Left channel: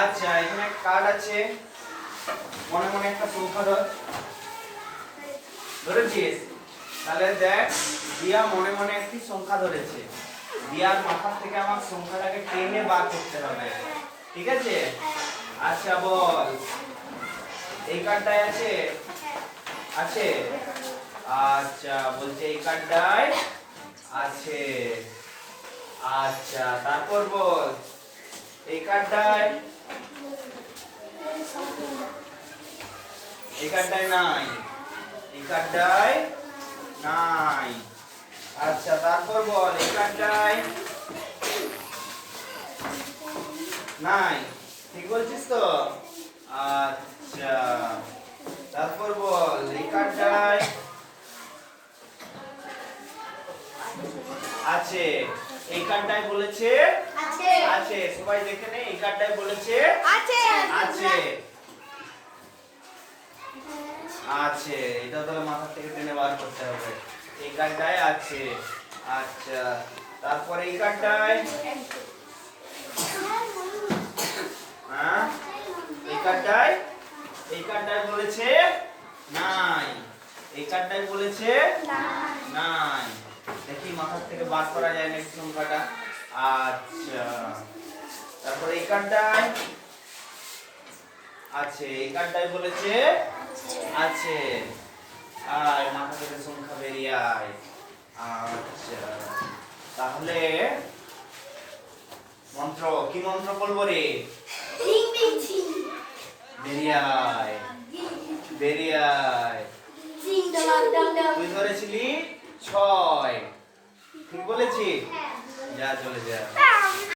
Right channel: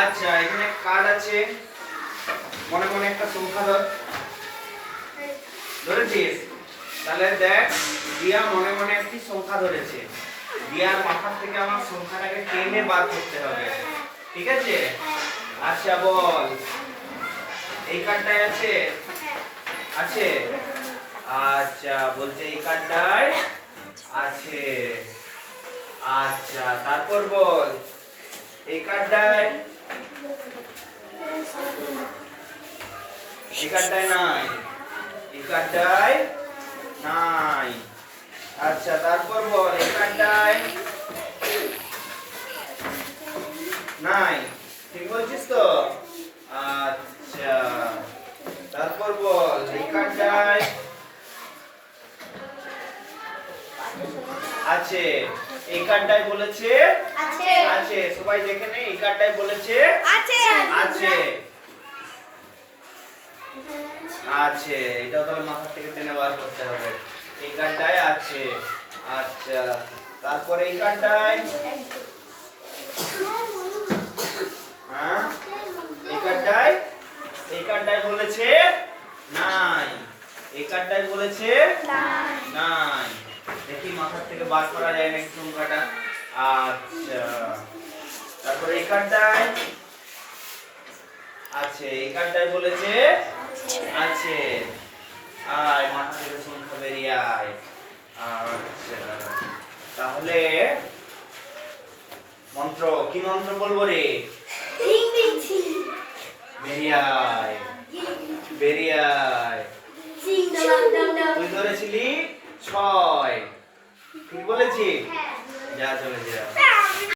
আচ্ছা এখানে কার্ড আছে, মনে মনে একটা সংখ্যা ধরেছিস? তাহলে দেখ, দিয়া মনে মনে একটি সংখ্যা ধরেছে, দিয়ার মাথা থেকে আমার সংখ্যাটাকে টেনে বাদ করতে হবে, ঠিক আছে? আচ্ছা বল, এই কার্ডটায় আছে? আছে। আচ্ছা বলছে এই কার্ডটায় আছে। আচ্ছা তারপর বল, এই কার্ডটায়? এই কার্ডটায় নাই, এই কার্ডটায় নাই। আচ্ছা তারপর বল, এই কার্ডটায় নাই, ঠিক বলছিস তো? আচ্ছা তারপর বল, এই কার্ডটায় আছে? এই কার্ডটায় বলেছে আছে। আছে, সবাই দেখে নে, এই কার্ডটায় বলেছে আছে। আছে। আছে, এটাও তাহলে মাথা থেকে টেনে বার করতে হবে। এই কার্ডটায় আছে। আচ্ছা তারপরে এই কার্ডটায়? হ্যাঁ এই কার্ডটায়? এই কার্ডটায় বলেছে নাই, এই কার্ডটায় বলেছে নাই। দেখি মাথার থেকে বার করা যায় নাকি সংখ্যাটা। আচ্ছা তারপরে এই কার্ডটায় আছে, এই কার্ডটায় বলেছে আছে। আয় মাথা থেকে সংখ্যা বেরিয়ে আয়। আচ্ছা তাহলে মন্ত্র কি মন্ত্র বলবো রে? বেরিয়ে আয়, বেরিয়ে আয়। তুই ধরেছিলি 6, ঠিক বলেছি? যা চলে যা।